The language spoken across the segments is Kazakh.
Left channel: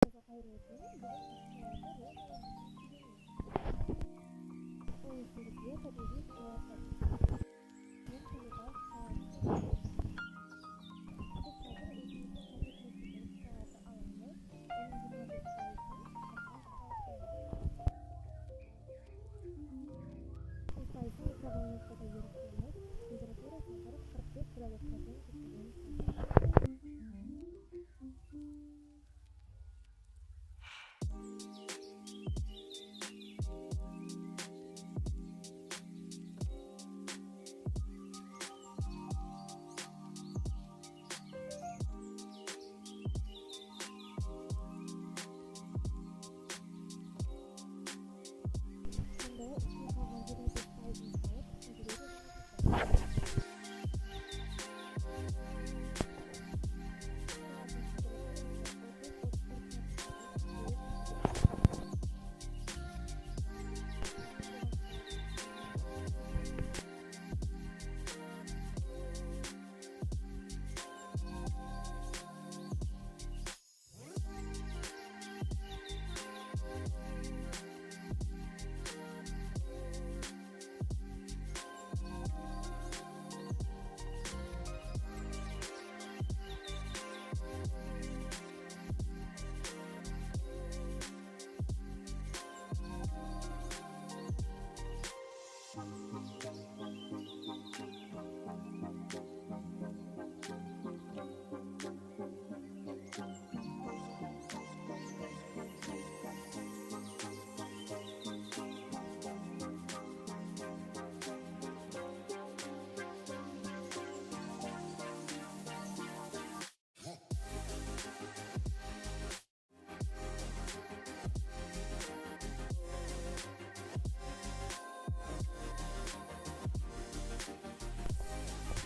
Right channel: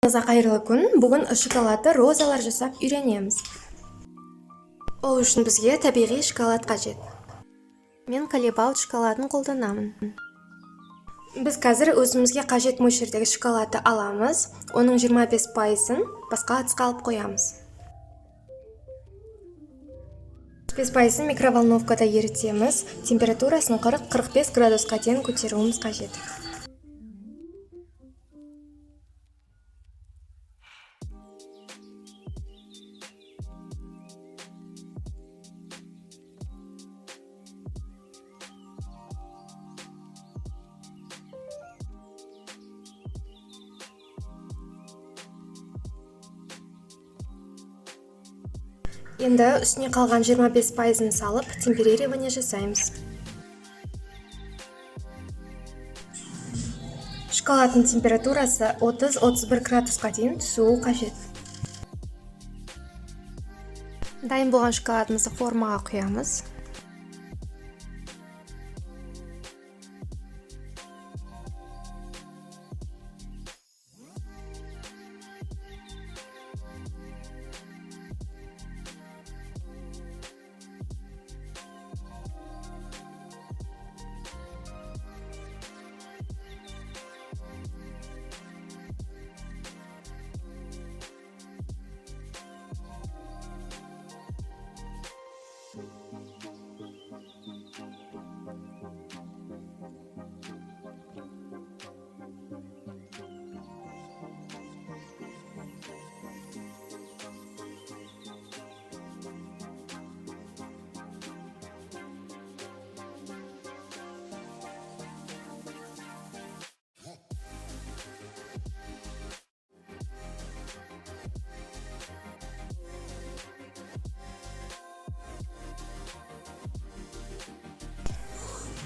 Қайырлы күн. Бүгін шоколадты розалар жасап үйренеміз. Ол үшін бізге табиғи шоколад қажет. Мен Колебалт шоколадын қолданамын. Біз қазір өзімізге қажет мөлшердегі шоколадты аламыз. Оның 25%-ын басқа ыдысқа алып қоямыз. 5%-ын микроволновкада ерітеміз. Температурасын 40-45 градусқа дейін көтеруіміз қажет. Енді үстіне қалған 25%-ын салып, темперирование жасаймыз. Шоколадтың температурасы 30-31 градусқа дейін түсуі қажет. Дайын болған шоколадымызды формаға құямыз.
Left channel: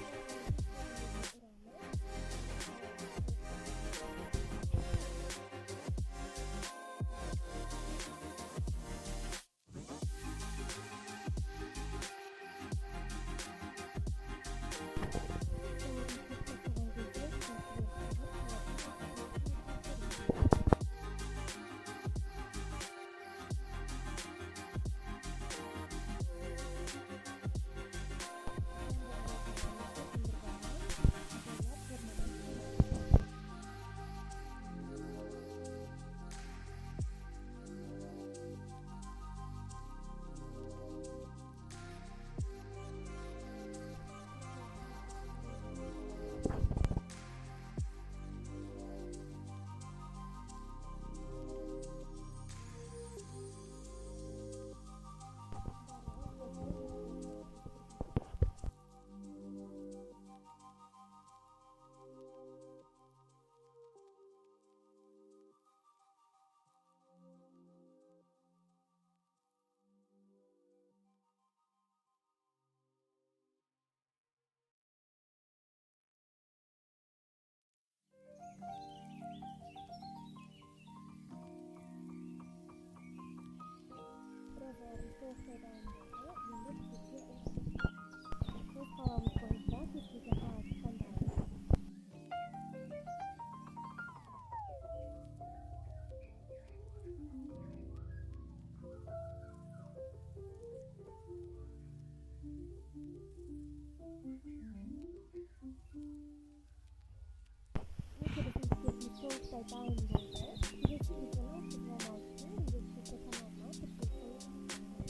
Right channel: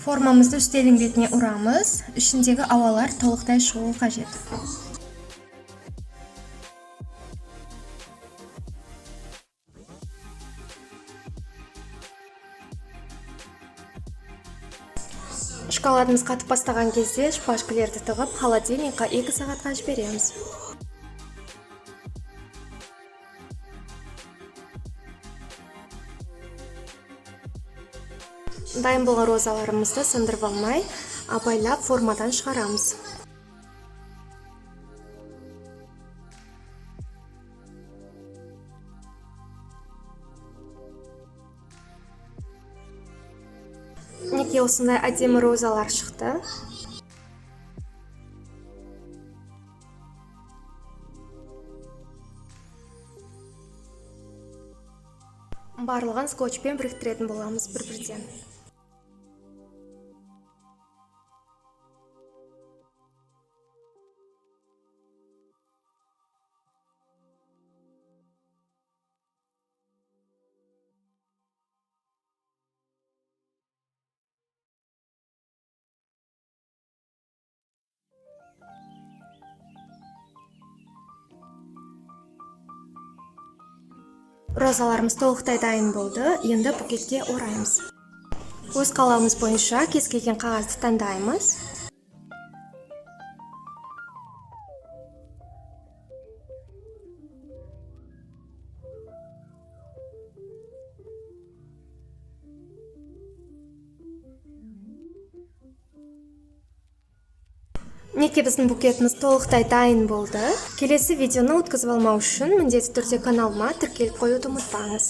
Формамызды үстелдің бетіне ұрамыз. Ішіндегі ауалар толықтай шығуы қажет. Шоколадымыз қатып бастаған кезде шпажкалерді тығып, холодильникқа 2 сағатқа жібереміз. Дайын болған розаларымызды сындырып алмай, абайлап формадан шығарамыз. Неге осындай әдемі розалар шықты. Барлығын скотчпен біріктіретін боламыз бір-бірден. Розаларымыз толықтай дайын болды. Енді букетке ораймыз. Өз қалауымыз бойынша кез келген қағазды таңдаймыз. Неге біздің букетіміз толықтай дайын болды. Келесі видеоны өткізіп алмау үшін міндетті түрде каналыма тіркеліп қоюды ұмытпаңыз.